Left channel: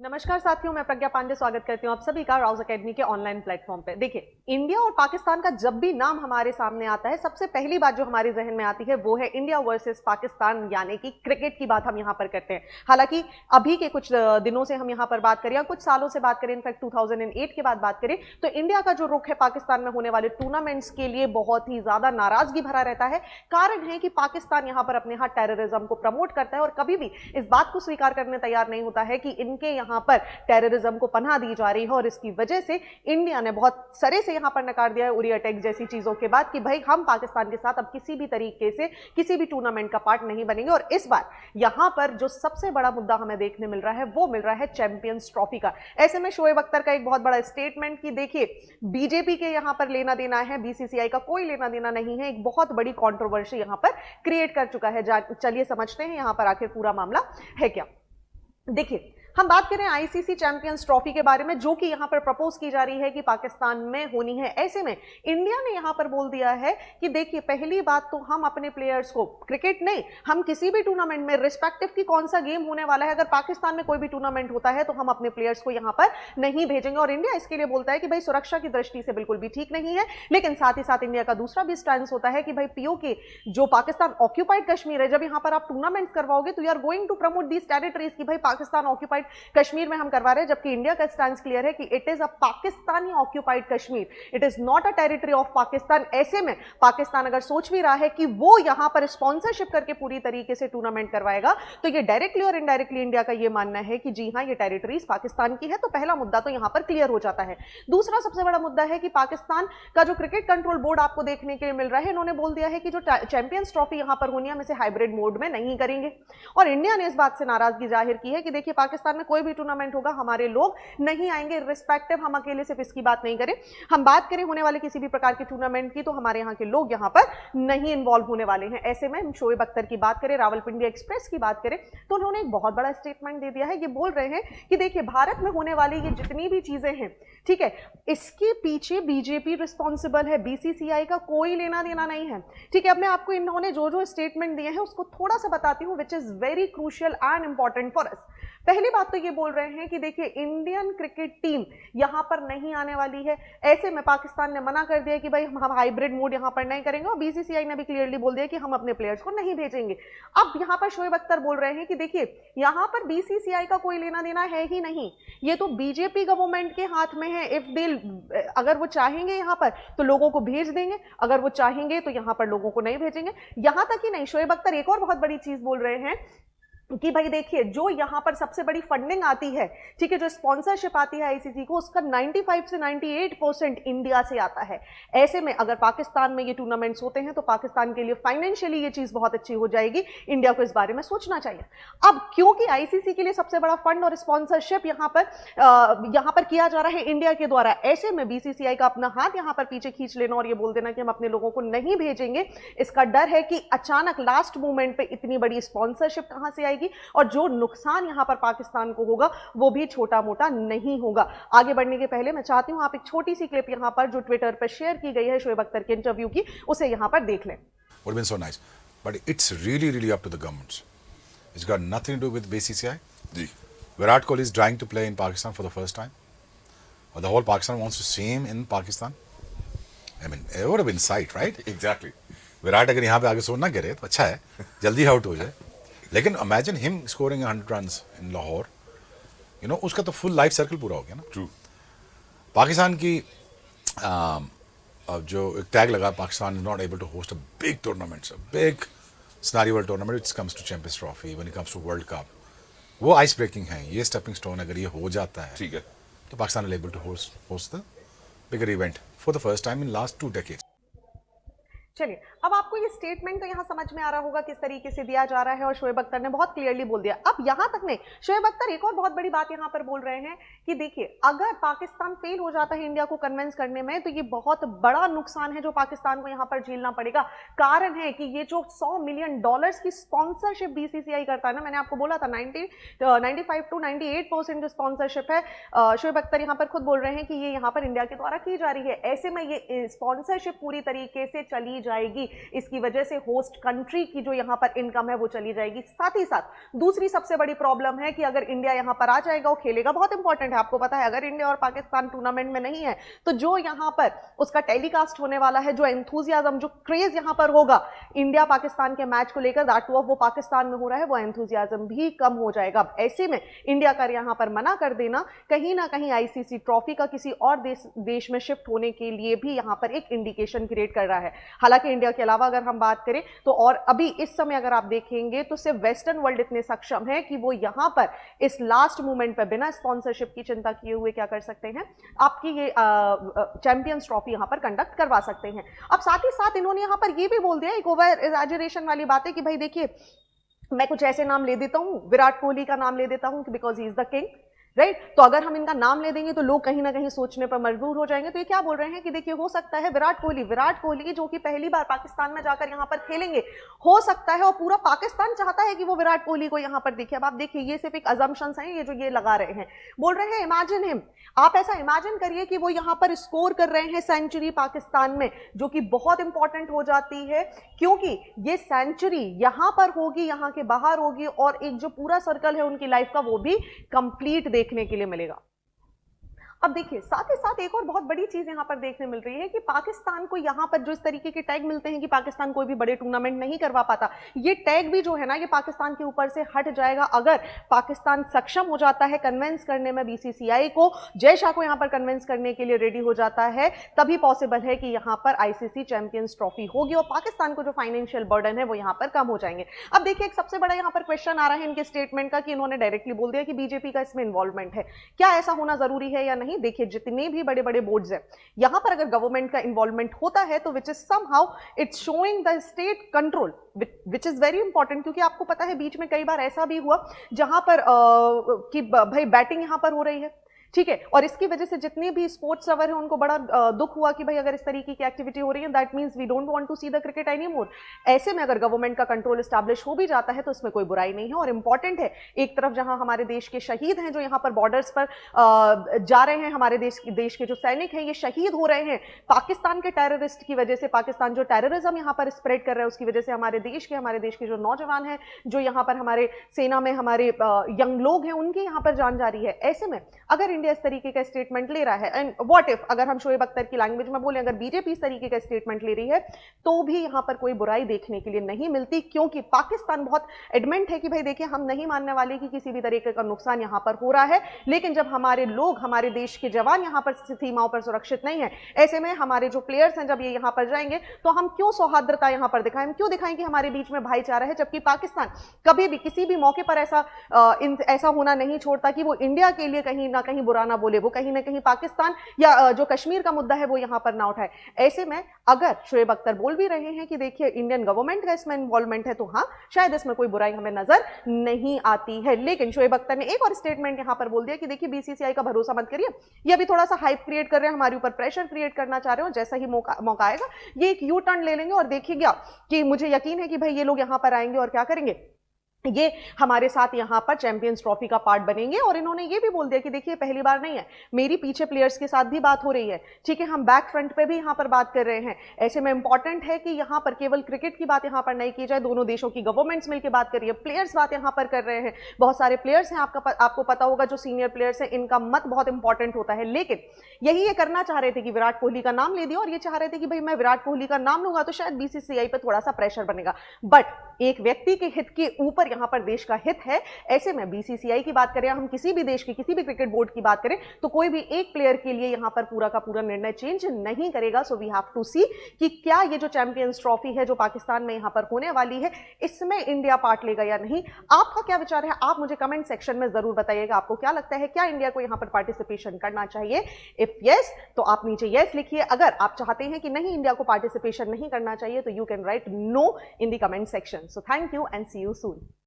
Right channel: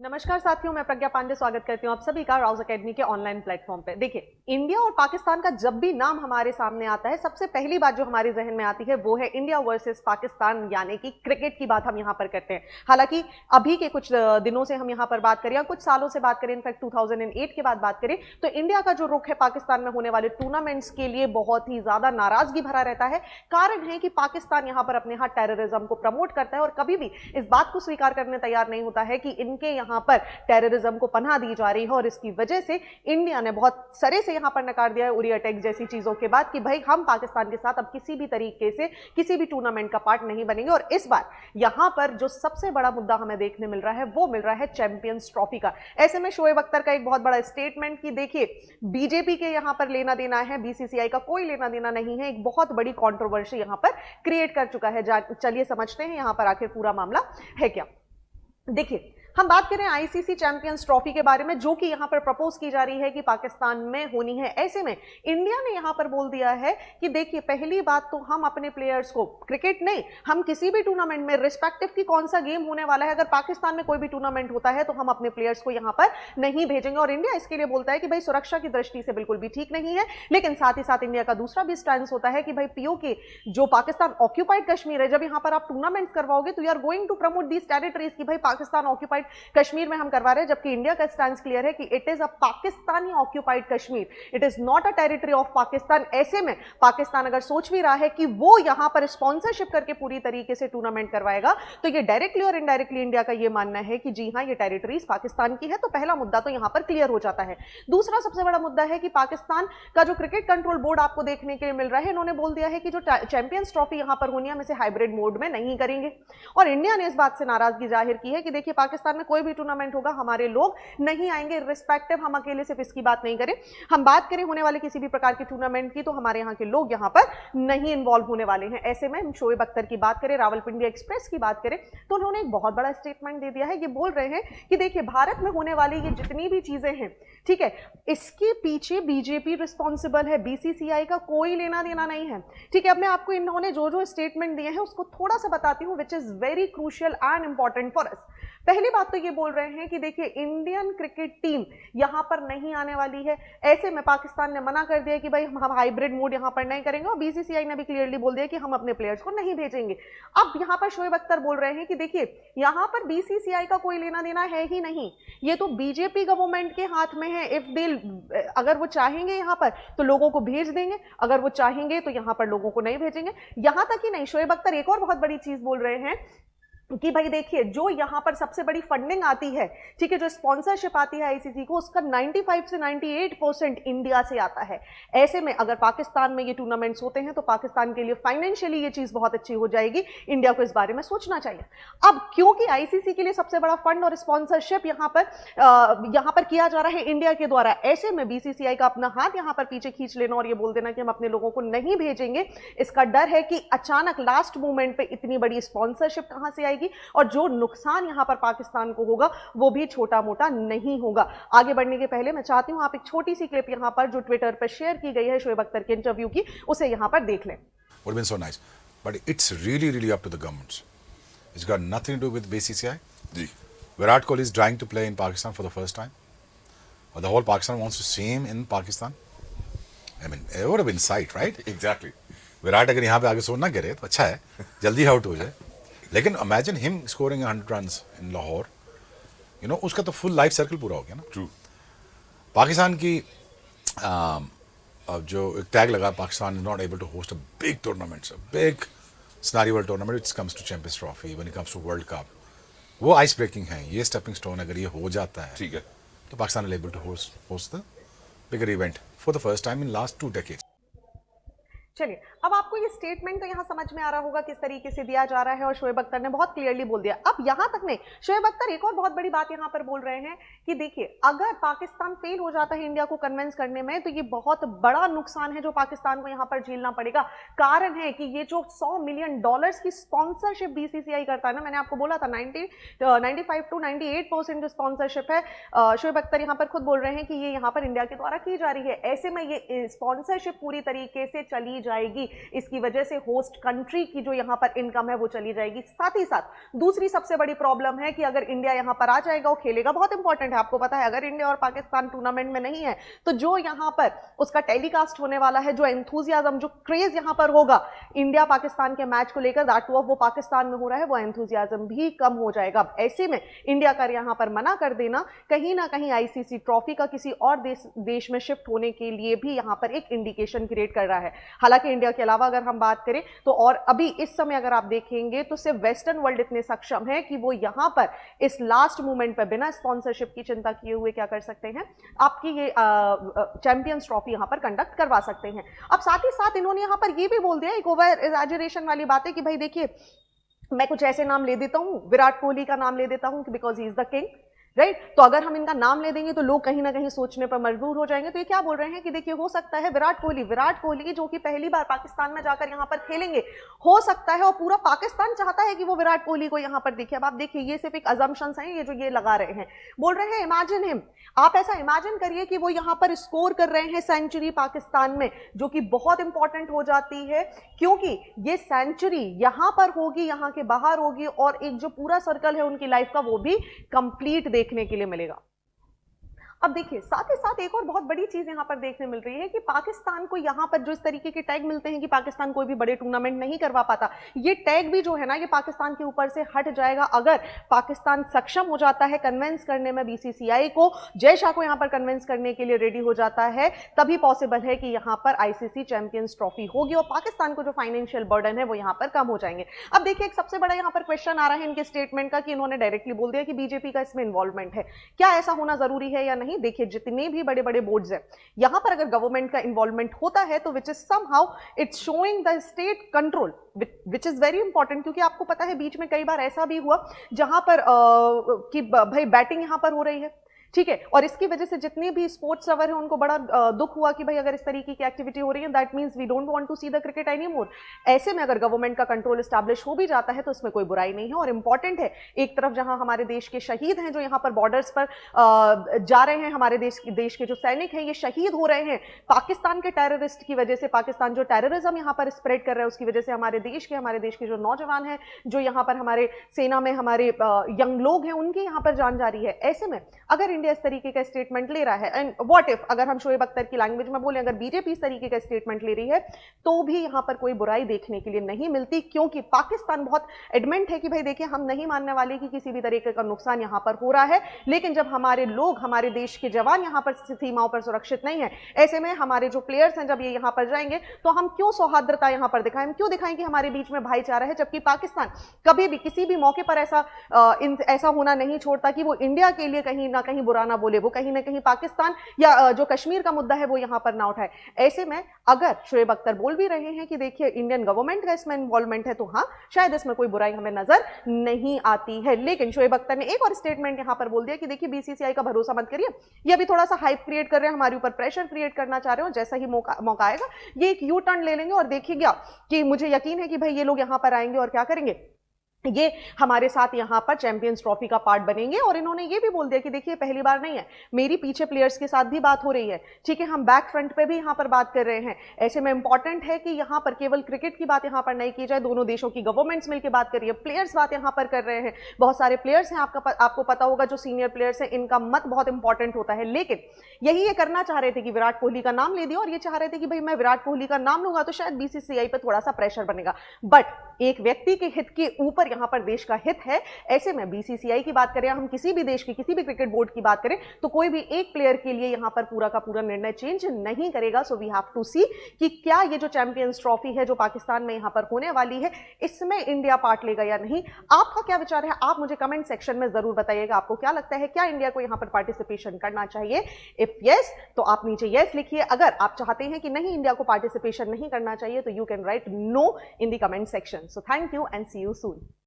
नमस्कार साथियों, मैं प्रज्ञा पांडे स्वागत करती हूँ आप सभी का राउज एकेडमी के ऑनलाइन प्लेटफॉर्म पे। देखिए, इंडिया और पाकिस्तान का जब भी नाम हमारे सामने आता है, सबसे पहली बात जो हमारे जहन में आती है वो है इंडिया वर्सेस पाकिस्तान, यानी कि क्रिकेट की बात हम यहाँ पर करते हैं। हालांकि अभी के कुछ दिनों से हम यहाँ पर बात करें या कुछ सालों से बात करें, इनफैक्ट 2008 की बात करें, तो इंडिया का जो रुख है पाकिस्तान में होने वाले टूर्नामेंट्स के लिए बहुत ही ज्यादा नाराजगी भरा रहता है। कारण है कि पाकिस्तान यहाँ पर अपने हाथ टेररिज्म को प्रमोट करता है और कभी भी इस बात को स्वीकार करने तैयार नहीं होता है कि इनके यहाँ पर टेररिज्म को पनाह दी जा रही है। और इसकी वजह से इंडिया ने बहुत सरे से यहां पर नकार दिया है उरी अटैक जैसी चीजों के बाद कि भाई हम पाकिस्तान के साथ अब किसी भी तरीके से किसी भी टूर्नामेंट का पार्ट नहीं बनेंगे। और इस बार यहां पर जो सबसे बड़ा मुद्दा हमें देखने मिल रहा है वो मिल रहा है चैंपियंस ट्रॉफी का। ऐसे में शोएब अख्तर का एक बहुत बड़ा स्टेटमेंट कि देखिए, बीजेपी के यहां पर लेना देना है, बीसीसीआई का कोई लेना देना नहीं है, एक बहुत बड़ी कंट्रोवर्सी यहां पर क्रिएट कर चुका है। चलिए समझते हैं यहां पर आखिर पूरा मामला है क्या। देखिए, हम बात करें आईसीसी चैंपियंस ट्रॉफी के बारे में, जो कि यहां पर प्रपोज की जा रही है कि पाकिस्तान में होनी है। ऐसे में इंडिया ने यहां पर बोल दिया है कि देखिए, पहली बात तो हम अपने प्लेयर्स को क्रिकेट नहीं, हम किसी भी टूर्नामेंट में रिस्पेक्टिव की कौन सा गेम होने वाला है, अगर पाकिस्तान में कोई भी टूर्नामेंट होता है तो हम अपने प्लेयर्स को यहां पर नहीं भेजेंगे। और इंडिया इसके लिए बोलता है कि भाई सुरक्षा की दृष्टि से बिल्कुल भी ठीक नहीं है। लेकिन साथ ही साथ इंडिया का दूसरा भी स्टैंड होता है कि भाई पीओके जो पाकिस्तान ऑक्यूपाइड कश्मीर है, जब यहां पर आप टूर्नामेंट करवाओगे तो you are going to promote these territories कि भाई पाकिस्तान ऑक्यूपाइड कश्मीर में हम करवा रहे हैं, जबकि इंडिया का स्टैंड क्लियर है कि it is a Pakistani occupied Kashmir, it is not a territory of Pakistan. ऐसे में पाकिस्तान अगर सोच भी रहा है कि वो यहां पर स्पॉन्सरशिप करके पूरी तरीके से टूर्नामेंट करवाएगा, तो ये डायरेक्टली और इनडायरेक्टली इंडिया का ये मानना है कि जी हाँ, ये टेरिटरीज पाकिस्तान की है। तो पहला मुद्दा तो यहां पर क्लियर हो जाता है। दूसरा सबसे बड़ा मुद्दा है कि पाकिस्तान का जो क्रिकेट कंट्रोल बोर्ड आपको देखने के लिए मिल रहा है, इन्होंने बोल दिया है कि जो चैंपियंस ट्रॉफी यहां पर होनी है, हम इसे हाइब्रिड मोड में नहीं करेंगे। और इंडिया ने इस बात से नाराजगी जाहिर की है कि देखिए, पाकिस्तान में कोई भी टूर्नामेंट होगा, हमारे लोग नहीं आएंगे, रिस्पेक्टिव हम अकेले सिर्फ इसकी बात नहीं करें, हम बात करें होने वाले किसी भी प्रकार के टूर्नामेंट की, तो हमारे यहाँ के लोग यहाँ पर नहीं इन्वॉल्व होने वाले हैं। ऐसे में हम शोएब अख्तर की बात करें, रावलपिंडी एक्सप्रेस की बात करें, तो उन्होंने एक बहुत बड़ा स्टेटमेंट दे दिया है। ये बोल रहे हैं कि देखिए, भारत में होने वाली ये जितनी भी चीजें हैं, ठीक है, इसके पीछे बीजेपी रिस्पॉन्सिबल है, बीसीसीआई का कोई लेना देना नहीं है। ठीक है, अब मैं आपको इन्होंने जो जो स्टेटमेंट दिए हैं उसको थोड़ा सा बताती हूँ, which is very crucial and important for us. पहली बात तो ये बोल रहे हैं कि देखिए, इंडियन क्रिकेट टीम यहां पर नहीं आने वाली है। ऐसे में पाकिस्तान ने मना कर दिया कि भाई हम हाइब्रिड मोड यहां पर नहीं करेंगे, और बीसीसीआई ने भी क्लियरली बोल दिया कि हम अपने प्लेयर्स को नहीं भेजेंगे। अब यहां पर शोएब अख्तर बोल रहे हैं कि देखिए, यहां पर बीसीसीआई का कोई लेना देना है ही नहीं, ये तो बीजेपी गवर्नमेंट के हाथ में है। इफ दे अगर वो चाहेंगे यहां पर तो लोगों को भेज देंगे, अगर वो चाहेंगे तो यहां पर लोगों को नहीं भेजेंगे। यहां तक ही नहीं, शोएब अख्तर एक और बहुत बड़ी चीज बोल रहे हैं कि भाई देखिए, जो यहां पर सबसे बड़ी फंडिंग आती है, ठीक है, जो स्पॉन्सरशिप आती है आईसीसी को, उसका 95 से 98% इंडिया से आता है। ऐसे में अगर पाकिस्तान में ये टूर्नामेंट्स होते हैं तो पाकिस्तान के लिए फाइनेंशियली ये चीज बहुत अच्छी हो जाएगी। इंडिया को इस बारे में सोचना चाहिए। अब क्योंकि आईसीसी के लिए सबसे बड़ा फंड और स्पॉन्सरशिप यहां पर किया जा रहा है इंडिया के द्वारा, ऐसे में बीसीसीआई का अपना हाथ यहां पर पीछे खींच लेना और ये बोल देना कि हम अपने लोगों को नहीं भेजेंगे, इसका डर है कि अचानक लास्ट मोमेंट पे इतनी बड़ी स्पॉन्सरशिप कहां से आएगी, और जो नुकसान यहां पर पाकिस्तान को होगा वो भी छोटा मोटा नहीं होगा। आगे बढ़ने के पहले मैं चाहती हूं आप एक छोटी सी क्लिप यहां पर जो ट्विटर पर शेयर की गई है शोएब अख्तर के इंटरव्यू की, उसे यहां पर देख लें। Would have been so nice, but it's really, really up to the governments. It's got nothing to do with BCCI. Ji. Virat Kohli is trying to play in Pakistan for the first time, or the whole Pakistan wants the same in Pakistan. I mean, it would have been sight, right? Exactly. Virat अगर यहाँ पे आगे सोना करे तो अच्छा है, जल्दी आउट हो जाए। लेकिन imagine him scoring 100 runs in Lahore, you know, उसका तो फुल लाइफ सर्कल पूरा हो गया ना। True. पाकिस्तान की अब जो एक टैग लगा, Pakistan is not able to host a big tournaments, a big carnival tournament which comes to champions trophy, when it comes to world cup, वो आइस ब्रेकिंग है, ये स्टेपिंग स्टोन अगर ये हो जाता है, ठीक है. तो Pakistan is able to host the bigger event for the first time in last 2 decades. चलिए, अब आपको ये स्टेटमेंट तो यहाँ समझ में आ रहा होगा किस तरीके से दिया जा रहा है, और शोएब अख्तर ने बहुत क्लियरली बोल दिया। अब यहाँ तक नहीं, शोएब अख्तर एक और बहुत बड़ी बात यहाँ पर बोल रहे हैं कि देखिए, अगर पाकिस्तान फेल हो जाता है इंडिया को कन्विंस करने में, तो ये बहुत बड़ा नुकसान है जो पाकिस्तान को यहाँ पर झेलना पड़ेगा। कारण है कि ये जो $100 मिलियन की स्पॉन्सरशिप बीसीसीआई करता है ना, मैंने आपको बोला था 95 to 98% जो स्पॉन्सरशिप है, शोएब अख्तर यहाँ पर खुद बोल रहे हैं कि ये यहाँ पर इंडिया के द्वारा की जा रही है। ऐसे में ये स्पॉन्सरशिप पूरी तरीके से चली जाएगी। इसकी वजह से होस्ट कंट्री की जो यहाँ पर इनकम है वो चली जाएगी। साथ ही साथ दूसरी सबसे बड़ी प्रॉब्लम है कि अगर इंडिया यहाँ पर आ जाएगा, वो खेलेगा, बहुत इंपॉर्टेंट है, आपको पता है अगर इंडिया और पाकिस्तान टूर्नामेंट में नहीं है तो जो यहाँ पर उसका टेलीकास्ट होने वाला है, जो एंथुजियाज्म, जो क्रेज यहाँ पर होगा इंडिया पाकिस्तान के मैच को लेकर, दैट वो पाकिस्तान में हो रहा है, वो एंथुजियाज्म भी कम हो जाएगा। ऐसे में इंडिया का यहाँ पर मना कर देना कहीं ना कहीं आईसीसी ट्रॉफी का किसी और देश में शिफ्ट होने के लिए भी यहाँ पर एक इंडिकेशन क्रिएट कर रहा है। हालांकि इंडिया के अलावा अगर हम बात करें तो और अभी इस समय अगर आप देखेंगे तो सिर्फ वेस्टर्न वर्ल्ड इतने सक्षम है कि वो यहाँ पर इस लास्ट मोमेंट पर बिना स्पॉन्सरशिप की चिंता किए हुए क्या कर सकते हैं, आपकी ये चैंपियंस ट्रॉफी यहाँ पर कंडक्ट करवा सकते हैं। अब साथ ही साथ इन्होंने यहाँ पर ये भी बोल दिया, एक ओवर एग्जैजरेशन वाली बात है कि भाई देखिए मैं कुछ ऐसे नाम ले देता हूं, विराट कोहली का नाम ले देता हूं because he is the king, right. तो अगर हम इनका नाम ले देंगे तो लोग कहीं ना कहीं सोचने पर मजबूर हो जाएंगे। तो ये क्या बोल रहे हैं कि देखिए हो सकता है विराट कोहली जो कि पहली बार पाकिस्तान में जाकर यहाँ पर खेलेंगे, हो सकता है और पूरा पाकिस्तान चाहता है कि वो विराट कोहली को यहाँ पर देखे। अब आप देखिए ये सिर्फ एक अजम्पशंस हैं, ये जो ये लगा रहे हैं, बोल रहे हैं इमेजिन हिम, आप ऐसा इमेजिन करिए कि वो यहाँ पर स्कोर कर रहे हैं सेंचुरी पाकिस्तान में, जो कि बहुत इंपॉर्टेंट हो जाती है क्योंकि ये सेंचुरी यहाँ पर होगी, यहाँ के बाहर होगी और एक जो पूरा सर्कल है उनकी लाइफ का वो भी कंप्लीट देखने के लिए मिलेगा। अब देखिए साथ ही साथ एक और बहुत बड़ी चीज यहाँ पर देखने मिल रही है कि पाकिस्तान को यहाँ पर जो इस तरीके के टैग मिलते हैं कि पाकिस्तान कोई भी बड़े टूर्नामेंट नहीं करवा पाता, ये टैग भी जो है ना ये पाकिस्तान के ऊपर से हट जाएगा अगर पाकिस्तान सक्षम हो जाता है कन्विंस करने में बीसीसीआई को, जय शाह को यहाँ पर कन्विंस करने के लिए रेडी हो जाता है, तभी पॉसिबल है कि यहाँ पर आईसीसी चैंपियंस ट्रॉफी होगी और पाकिस्तान को जो फाइनेंशियल बर्डन है वो यहाँ पर कम हो जाएंगे। अब देखिए एक सबसे बड़ा यहाँ पर क्वेश्चन आ रहा है इनके स्टेटमेंट का कि इन्होंने डायरेक्टली बोल दिया कि बीजेपी का इसमें इन्वॉल्वमेंट है, क्या ऐसा होना जरूरी है या नहीं। देखिए जितने भी बड़े बड़े बोर्ड्स हैं यहां पर अगर गवर्नमेंट का इन्वॉल्वमेंट होता है तो which is somehow it's showing the state control, which is very important, क्योंकि आपको पता है बीच में कई बार ऐसा भी हुआ जहां पर कि भाई बैटिंग यहां पर हो रही है, ठीक है, और इसकी वजह से जितने भी स्पोर्ट्स लवर हैं उनको बड़ा दुख हुआ कि भाई अगर इस तरीके की एक्टिविटी हो रही है that means we don't want to see the cricket any more. ऐसे में अगर गवर्नमेंट का कंट्रोल एस्टैब्लिश हो भी जाता है तो उसमें कोई बुराई नहीं है और इंपॉर्टेंट है, एक तरफ जहां हमारे देश के शहीद हैं जो यहाँ पर बॉर्डर्स पर जा रहे हैं, हमारे देश के जो सैनिक हैं ये शहीद हो रहे हैं पाकिस्तान के टेररिस्ट की वजह से, पाकिस्तान जो टेररिज्म यहाँ पर स्प्रेड कर रहा है उसकी वजह से हमारे देश के जो नौजवान हैं, जो यहाँ पर हमारे सेना में हमारे यंग लोग हैं, उनकी यहाँ पर जान जा रही है। ऐसे में अगर इंडिया इस तरीके का स्टेटमेंट ले रहा है एंड व्हाट इफ अगर हम शोएब अख्तर की लैंग्वेज में बोले, अगर बीजेपी इस तरीके का स्टेटमेंट ले रही है तो भी यहाँ पर कोई बुराई देखने के लिए नहीं मिलती, क्योंकि पाकिस्तान बहुत एडमेंट है कि भाई देखिए हम नहीं मानने वाले कि किसी भी तरीके का नुकसान यहाँ पर हो रहा है, लेकिन जब हमारे लोग, हमारे देश की जवान यहाँ पर सीमाओं पर सुरक्षित नहीं है, ऐसे में हमारे जो प्लेयर्स हैं जब ये यहाँ पर जाएंगे तो हम क्यों सौहार्द्रता यहाँ पर दिखाएं, हम क्यों दिखाएं कि हमारे बीच में भाईचारा है, जबकि पाकिस्तान कभी भी किसी भी मौके पर ऐसा होना नहीं छोड़ता कि वो इंडिया के लिए कहीं ना कहीं बुरा ना बोले, वो कहीं ना कहीं पाकिस्तान या जो कश्मीर का मुद्दा है वो यहाँ पर ना उठाए। ऐसे में अगर शोएब अख्तर बोल भी रहे हैं कि देखिए इंडियन गवर्नमेंट का इसमें इन्वॉल्वमेंट है तो हाँ शायद इसमें कोई बुराई हमें नजर नहीं आती है, लेकिन शोएब अख्तर ने एक और स्टेटमेंट यहाँ पर बोल दिया कि देखिए बीसीसीआई का भरोसा मत करिए, ये अभी थोड़ा सा हाइप क्रिएट कर रहे हैं, हमारे ऊपर प्रेशर क्रिएट करना चाह रहे हो, जैसा ही मौका आएगा ये एक यू टर्न ले लेंगे और देखिएगा कि मुझे यकीन है कि भाई ये लोग यहाँ पर आएंगे और क्या करेंगे, ये हमारे साथ यहाँ पर चैंपियंस ट्रॉफी का पार्ट बनेंगे। और इन्होंने ये भी बोल दिया कि देखिए पहली बार नहीं है, मेरी पीछे प्लेयर्स के साथ भी बात हो रही है, ठीक है, हम बैक फ्रंट पे भी यहाँ पर बात कर रहे हैं। ऐसे में इंपॉर्टेंट है कि यहाँ पर केवल क्रिकेट की बात यहाँ पर नहीं की जाए, दोनों देशों की गवर्नमेंट्स मिलकर बात कर रही है, प्लेयर्स बात यहाँ पर कर रहे हैं, बहुत सारे प्लेयर्स हैं, आपको पता होगा जो सीनियर प्लेयर्स हैं इनका मत बहुत इंपॉर्टेंट होता है, लेकिन यही ये करना चाह रहे थे कि विराट कोहली का नाम ले दिया और ये चाह रहे थे कि भाई मैं विराट कोहली का नाम लूंगा तो शायद बीसीसीआई पर थोड़ा सा प्रेशर बनेगा, बट एक व्यक्ति के हित के ऊपर यहाँ पर देश का हित है। ऐसे में बीसीसीआई की बात करें, हम किसी भी देश की किसी भी क्रिकेट बोर्ड की बात करें तो कोई भी एक प्लेयर के लिए यहाँ पर पूरा का पूरा निर्णय चेंज नहीं करेगा। सो वी हैव टू सी कि क्या ये जो चैंपियंस ट्रॉफी है जो पाकिस्तान में यहाँ पर होने वाली है इसमें इंडिया पार्ट लेगा या नहीं। आपका क्या विचार है, आप मुझे कमेंट सेक्शन में जरूर बताइएगा, आपको क्या लगता है, क्या इंडिया को यहाँ पर पार्टिसिपेशन करना चाहिए। इफ यस तो आप नीचे यस लिखिए, अगर आप चाहते हैं कि नहीं इंडिया को पार्टिसिपेशन नहीं करना चाहिए तो you can write no in the comment section. So thank you and see you soon.